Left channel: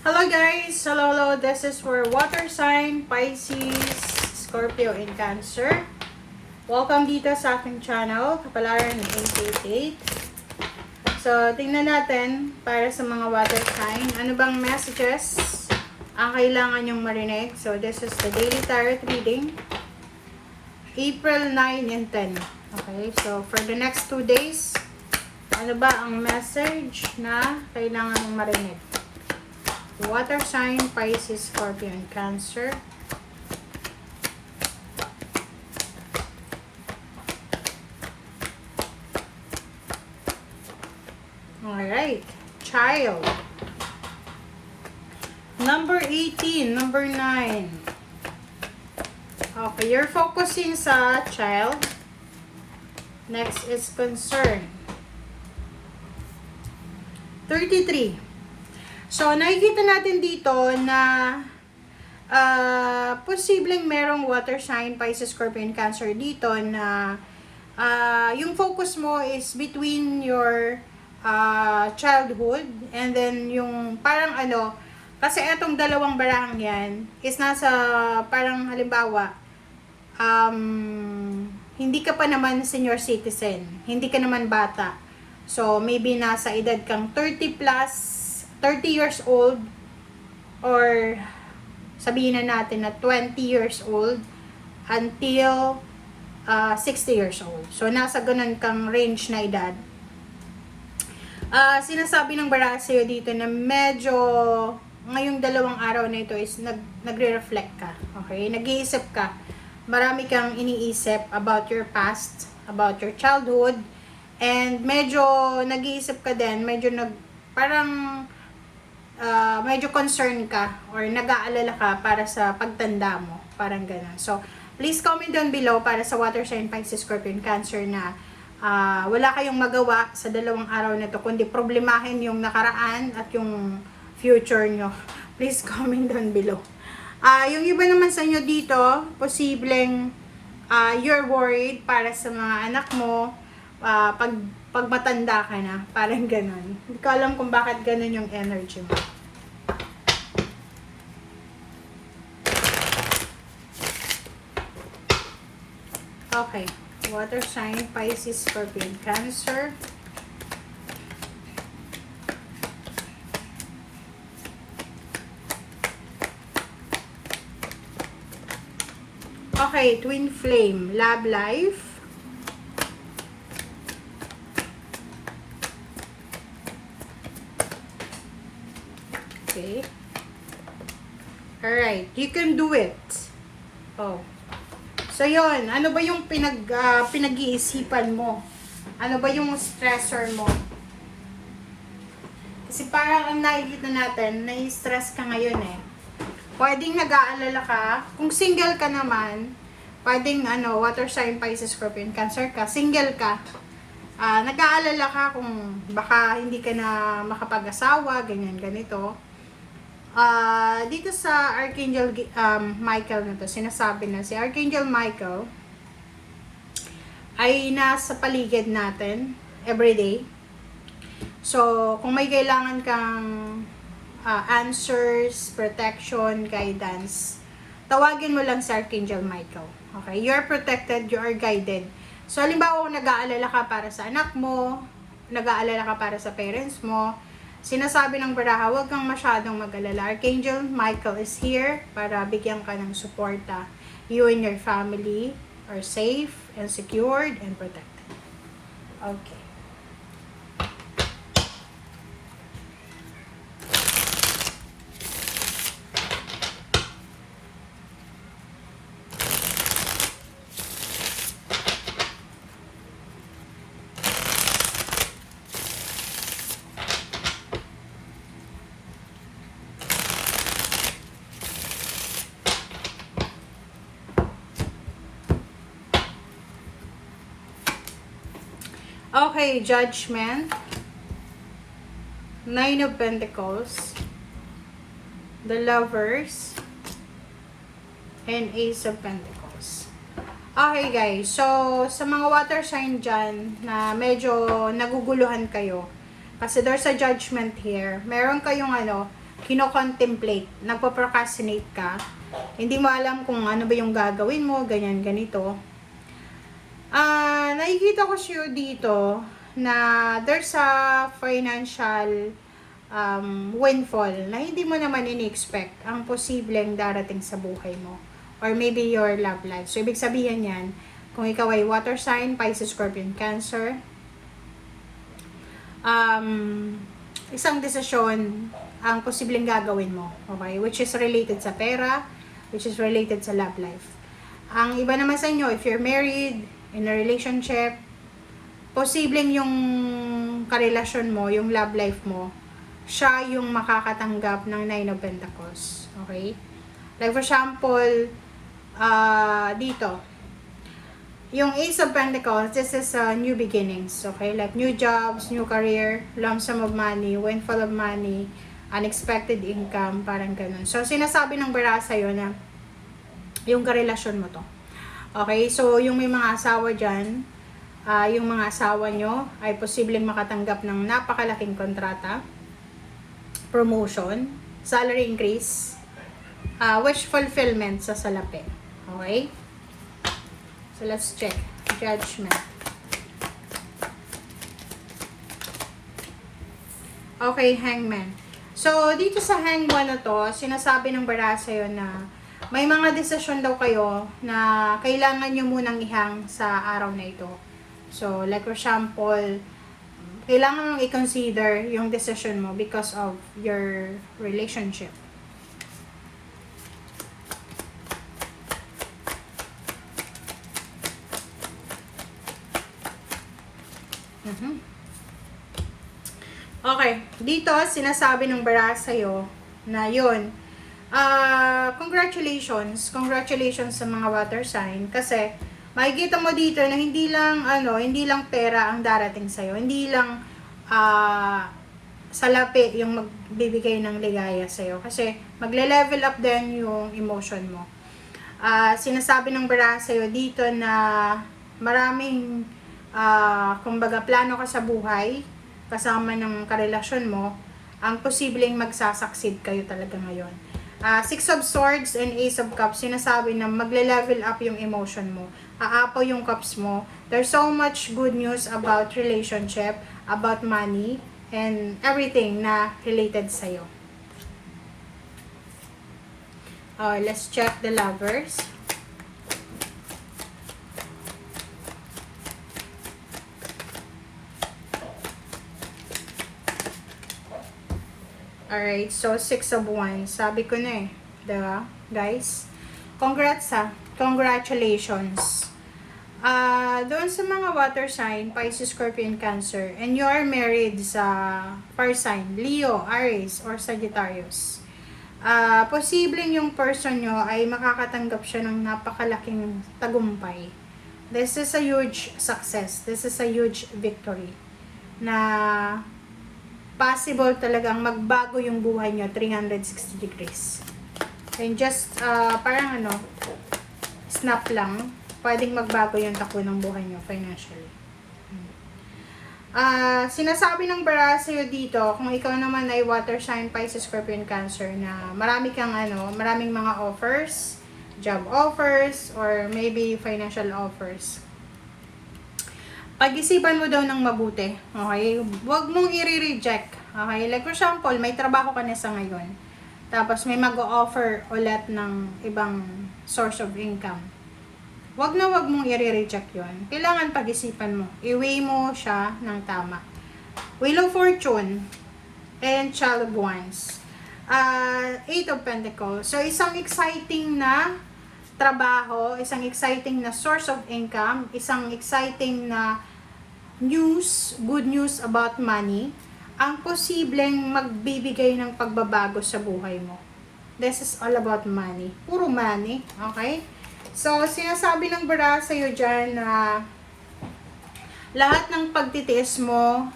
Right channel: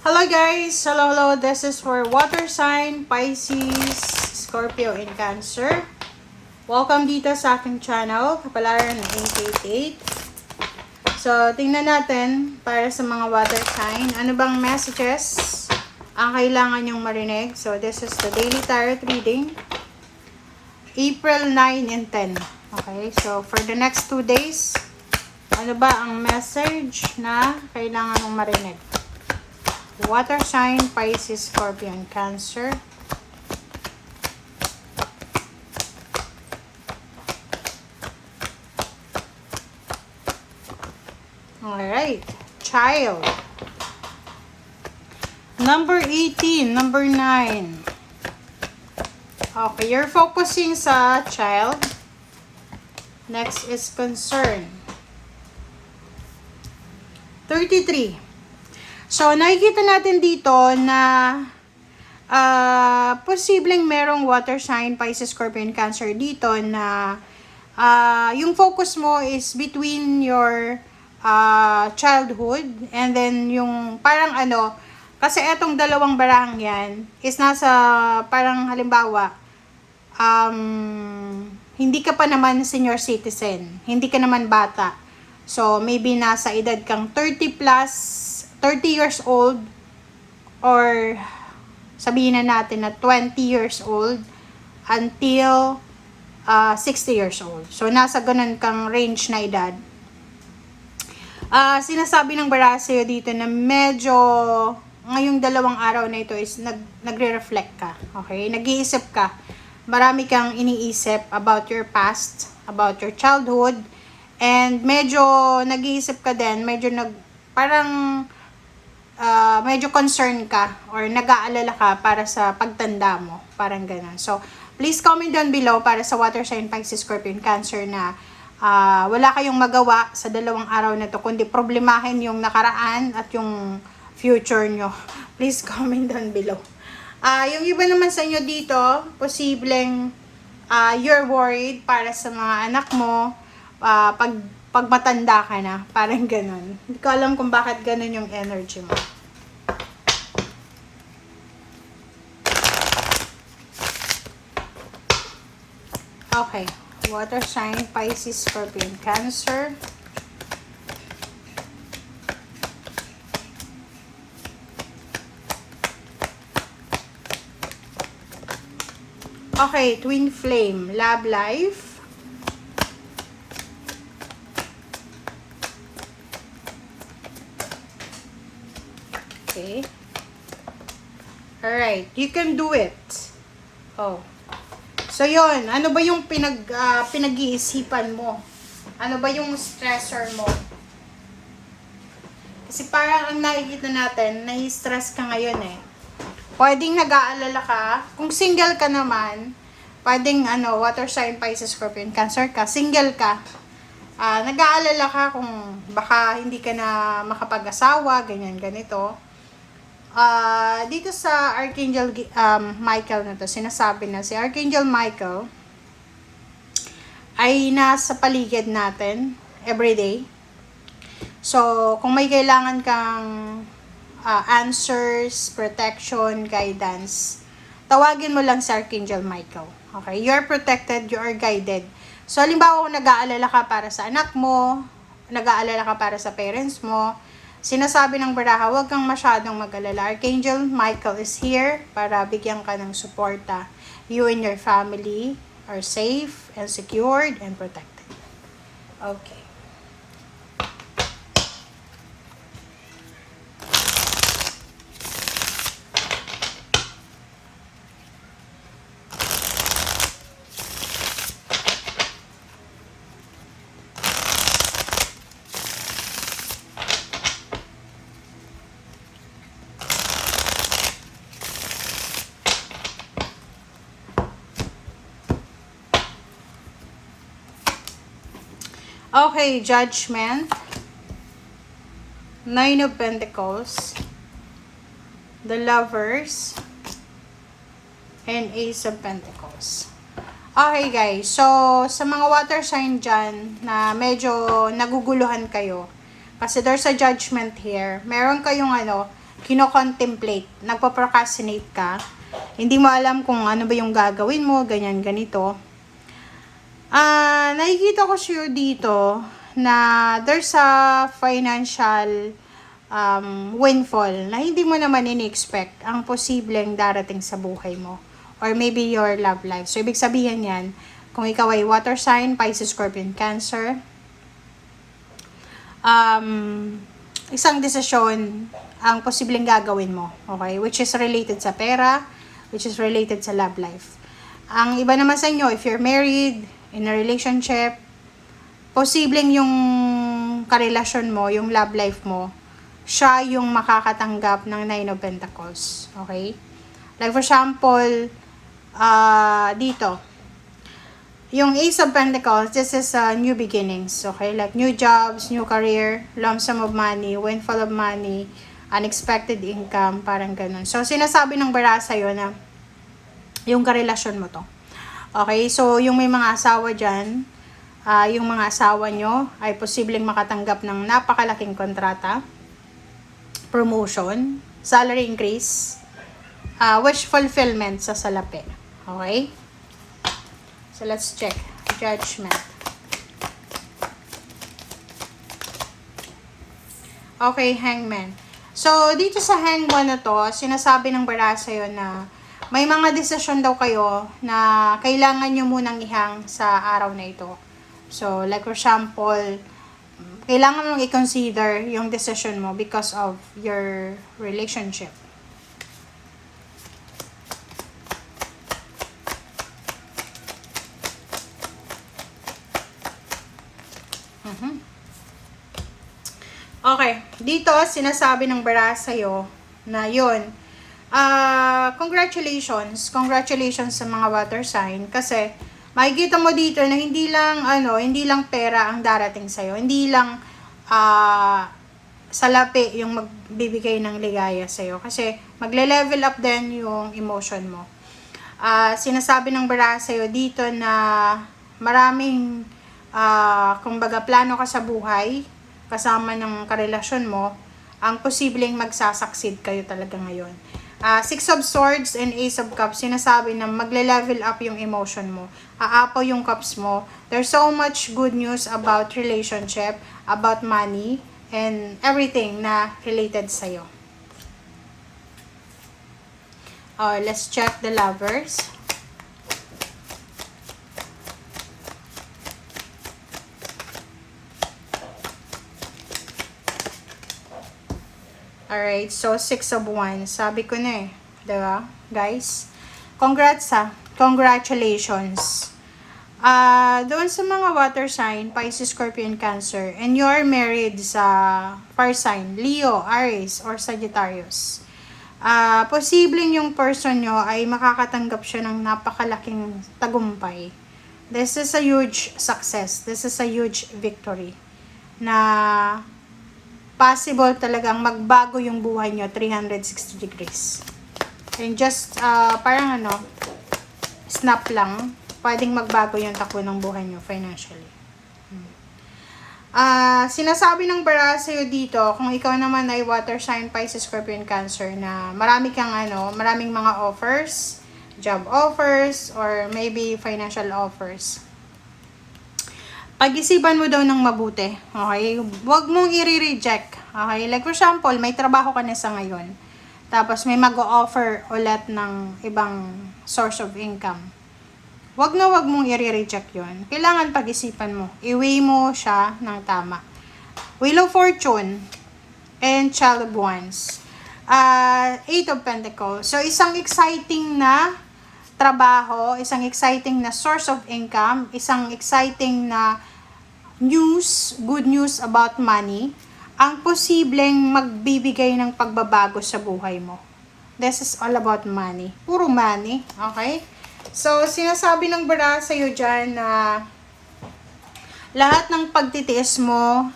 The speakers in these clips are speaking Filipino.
Hello guys! Hello. This is for water sign, Pisces, Scorpio, and Cancer. Welcome dito sa aking channel, Kapalaran ng 888. So, tingnan natin para sa mga water sign. Ano bang messages ang kailangan nyong marinig? So, this is the daily tarot reading. April 9 and 10. Okay, so for the next 2 days, ano ba ang message na kailangan mong marinig? Water sign, Pisces, Scorpio, and Cancer. Alright. Child. Number 18. Number 9. Okay, you're focusing sa child. Next is concern. 33. So, nakikita natin dito na posibleng merong water sign, Pisces, Scorpio, and Cancer dito na yung focus mo is between your childhood and then yung parang kasi etong dalawang barang yan is nasa parang halimbawa hindi ka pa naman senior citizen, hindi ka naman bata. So, maybe nasa edad kang 30 years old or sabihin na natin na 20 years old until 60 years old. So, nasa ganun kang range na edad. Sinasabi ng Barasio dito na medyo ngayong dalawang araw na ito is nagre-reflect ka. Okay? Nag-iisip ka. Marami kang iniisip about your past, about your childhood, and medyo nag-iisip ka din, medyo medyo concerned ka or nag-aalala ka para sa pagtanda mo. Parang gano'n. So, please comment down below para sa water sign, Pisces, Scorpio, and Cancer na wala kayong magawa sa dalawang araw na to kundi problemahin yung nakaraan at yung future nyo. Please comment down below. Yung iba naman sa inyo dito, posibleng you're worried para sa mga anak mo pag matanda ka na, parang ganun. Hindi ko alam kung bakit ganun yung energy mo. Okay. Water sign, Pisces, Scorpio, and Cancer. Okay, twin flame, love life. Okay. Alright, you can do it. Oh. So, yon, ano ba yung pinag-iisipan mo? Ano ba yung stressor mo? Kasi parang ang nakikita natin, nai-stress ka ngayon eh. Pwedeng nag-aalala ka. Kung single ka naman, pwedeng water sign, Pisces, Scorpio, and Cancer ka. Single ka. Nag-aalala ka kung baka hindi ka na makapag-asawa, ganyan, ganito. Dito sa Archangel Michael na to, sinasabi na si Archangel Michael ay nasa paligid natin everyday. So, kung may kailangan kang answers, protection, guidance, tawagin mo lang si Archangel Michael. Okay? You're protected, you are guided. So, halimbawa kung nag-aalala ka para sa anak mo, nag-aalala ka para sa parents mo, sinasabi ng baraha, huwag kang masyadong mag-alala. Archangel Michael is here para bigyan ka ng suporta. You and your family are safe and secured and protected. Okay. Okay, Judgment, Nine of Pentacles, the Lovers, and Ace of Pentacles. Okay guys, so sa mga water sign dyan na medyo naguguluhan kayo, kasi there's a judgment here, meron kayong kino-contemplate, nagpo-procrastinate ka, hindi mo alam kung ano ba yung gagawin mo, ganyan, ganito. Nakikita ko siya dito na there's a financial windfall na hindi mo naman ini-expect ang posibleng darating sa buhay mo. Or maybe your love life. So, ibig sabihin yan, kung ikaw ay water sign, Pisces, Scorpion, Cancer, isang desisyon ang posibleng gagawin mo, okay? Which is related sa pera, which is related sa love life. Ang iba naman sa inyo, if you're married, in a relationship, posibleng yung karelasyon mo, yung love life mo, siya yung makakatanggap ng Nine of Pentacles, okay? Like for example, dito, yung Ace of Pentacles, this is new beginnings, okay? Like new jobs, new career, lump sum of money, windfall of money, unexpected income, parang ganun. So, sinasabi ng bara sa'yo na yung karelasyon mo to. Okay? So, yung may mga asawa dyan, yung mga asawa nyo ay posibleng makatanggap ng napakalaking kontrata, promotion, salary increase, wish fulfillment sa salapi. Okay? So, let's check. Judgment. Okay, Hangman. So, dito sa Hangman na to, sinasabi ng bara sa'yo na may mga desisyon daw kayo na kailangan nyo munang ihang sa araw na ito. So, like for example, kailangan mo nang i-consider yung decision mo because of your relationship. Okay, dito sinasabi ng bara sa'yo na yun, congratulations sa mga water sign kasi makikita mo dito na hindi lang pera ang darating sa'yo, hindi lang salapi yung magbibigay ng ligaya sa'yo kasi magle-level up din yung emotion mo. Sinasabi ng bara sa'yo dito na maraming kumbaga plano ka sa buhay kasama ng karelasyon mo, ang posibleng magsasucceed kayo talaga ngayon. Six of Swords and Ace of Cups, sinasabi na magle-level up yung emotion mo. Aapaw yung cups mo. There's so much good news about relationship, about money, and everything na related sa'yo. Let's check the lovers. Alright, so 6 of Wands. Sabi ko na eh. Diba, guys? Congratulations. Doon sa mga water sign, Pisces, Scorpion, Cancer, and you are married sa fire sign, Leo, Aries, or Sagittarius. Posibleng yung person nyo ay makakatanggap siya ng napakalaking tagumpay. This is a huge success. This is a huge victory. Na possible talagang magbago yung buhay nyo 360 degrees. And just parang snap lang, pwedeng magbago yung takbo ng buhay nyo financially. Sinasabi ng bara sa'yo dito, kung ikaw naman ay water sign, Pisces, Scorpion, Cancer, na maraming mga offers, job offers, or maybe financial offers. Pag-isipan mo daw ng mabuti, okay? Huwag mong i-reject, okay? Like for example, may trabaho ka na sa ngayon, tapos may mag-o-offer ulit ng ibang source of income. Huwag mong i-reject yun. Kailangan pag-isipan mo. I-weigh mo siya ng tama. Wheel of Fortune and Child of Wands. Eight of Pentacles. So, isang exciting na trabaho, isang exciting na source of income, isang exciting na good news about money, ang posibleng magbibigay ng pagbabago sa buhay mo. This is all about money. Puro money, okay? So, sinasabi ng bara sa'yo dyan na lahat ng pagtitiis mo,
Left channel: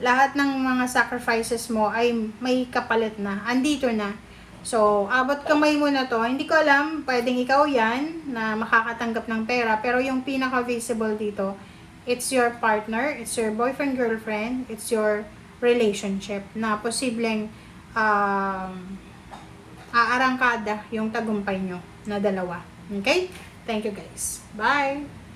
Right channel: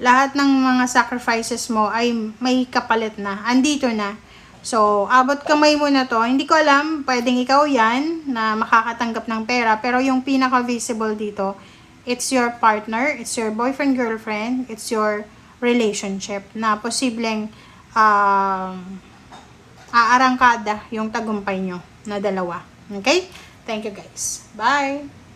lahat ng mga sacrifices mo ay may kapalit na. Andito na. So, abot kamay mo na to. Hindi ko alam, pwedeng ikaw yan na makakatanggap ng pera. Pero yung pinaka-visible dito, it's your partner, it's your boyfriend, girlfriend, it's your relationship na posibleng aarangkada yung tagumpay nyo na dalawa. Okay? Thank you guys. Bye!